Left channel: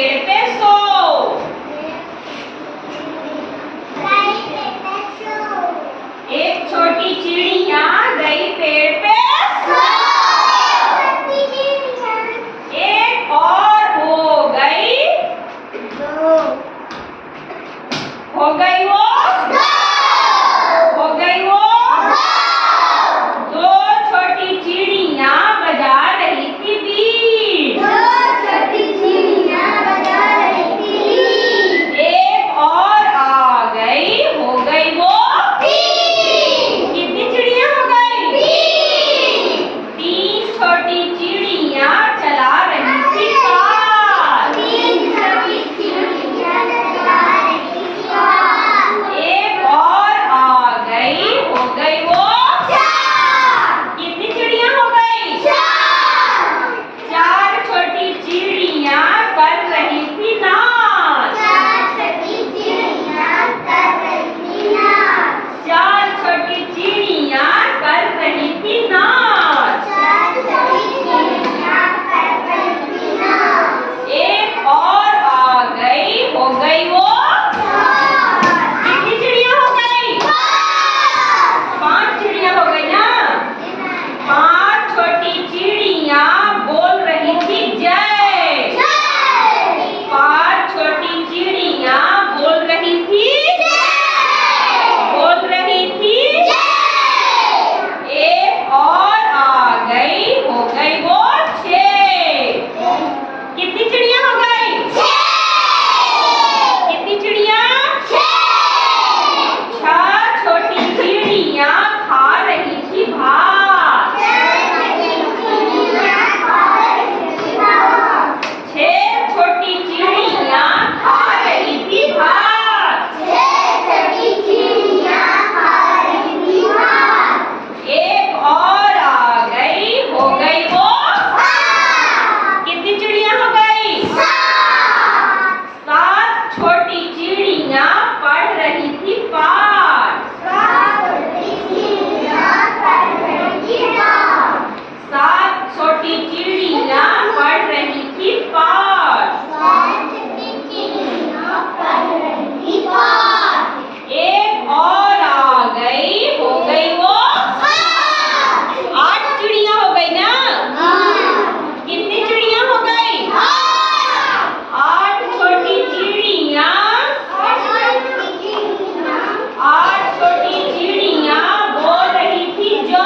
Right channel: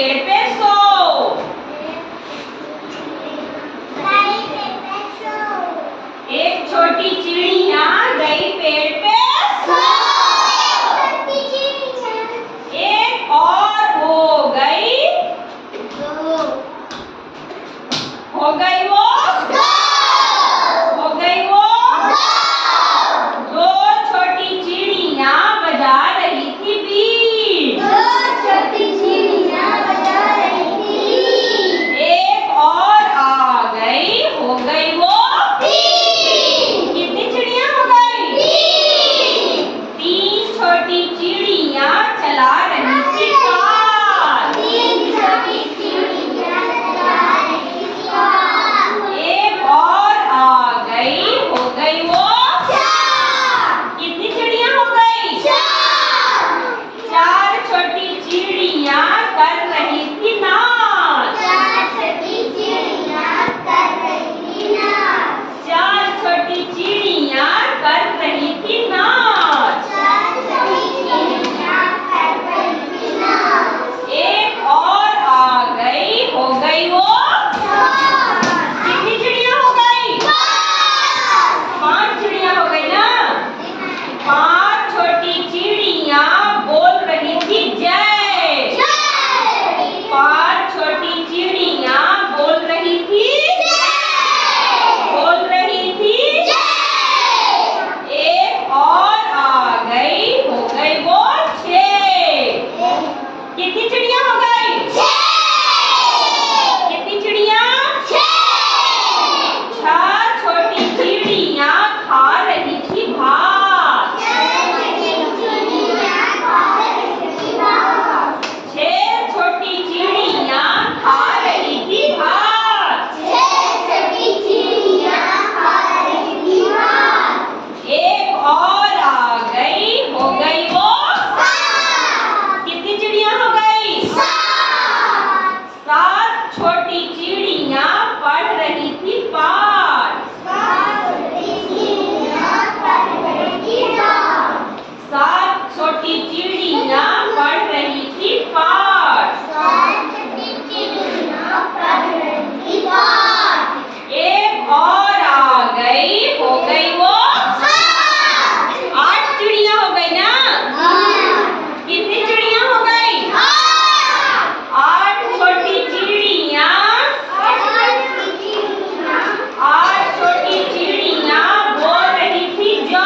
पेड़ पे सो। एक छोटी चिड़िया गई पेड़ पे सो। एक और हो गई वो हो गई वो दो छोटी चिड़िया बजा रही थी बीट। एक और आ गई हो गई वो कितनी चिड़िया हो गई? तीन छोटी चिड़िया चला रही थी कार। एक और आ गई हो गई वो कितनी चिड़िया हो गई? चार छोटी चिड़िया कर रही थी नाच। चार छोटी चिड़िया कर रही थी नाच। एक और आ गई हो गई वो कितनी चिड़िया हो गई? पांच चिड़िया हो गई ना। पांच छोटी चिड़िया बोल रही थी जय। पांच छोटी चिड़िया बोल रही थी एक और आ गई हो गई वो छह। कितनी चिड़िया हो गई? कितनी चिड़िया? छह छोटी चिड़िया खा रही थी भात। छह छोटी चिड़िया खा रही थी भात। एक और आ गई हो गई वो कितनी चिड़िया हो गई? सात छोटी चिड़िया पढ़ रही थी पाठ। सात छोटी चिड़िया पढ़ रही थी पाठ। एक और आ गई हो गई वो आठ चिड़िया हो गई ना। कितनी चिड़िया हो गई? आठ छोटी चिड़िया। आठ छोटी चिड़िया बोल रही थी जो।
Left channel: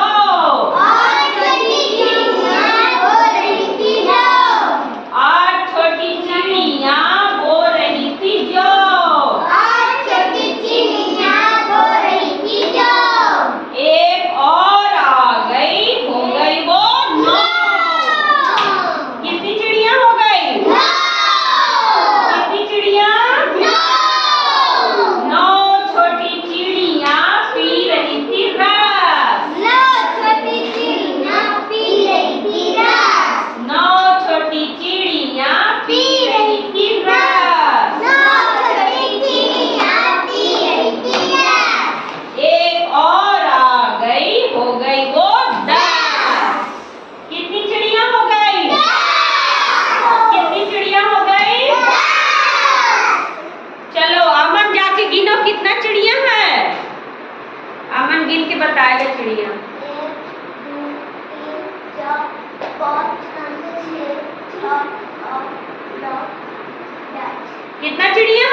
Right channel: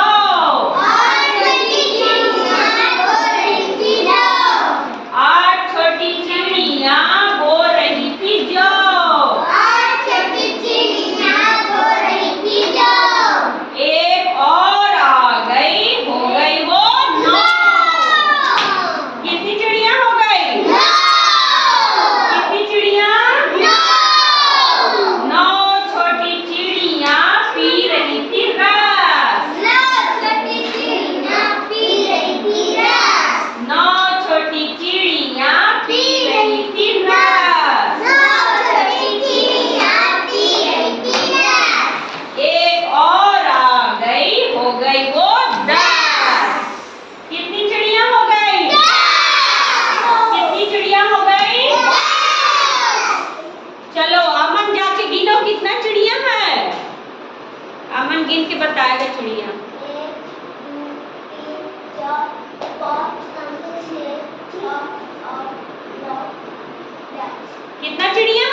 आठ छोटी चिड़िया बोल रही थी जो। एक और आ गई हो गई वो नौ। कितनी चिड़िया हो गई? कितनी चिड़िया? नौ छोटी चिड़िया पी रही थी रस। नौ छोटी चिड़िया पी रही थी रस। एक और आ गई हो गई वो 10। कितनी चिड़िया हो गई? कितनी चिड़िया हो गई? चलो अमन जाके गिनो कितना चिड़िया है। अमन गिन के बताएगा चिड़िया। 1, 2, 3, 4, 5, 6, 7, 8, 9, 10। कितना चिड़िया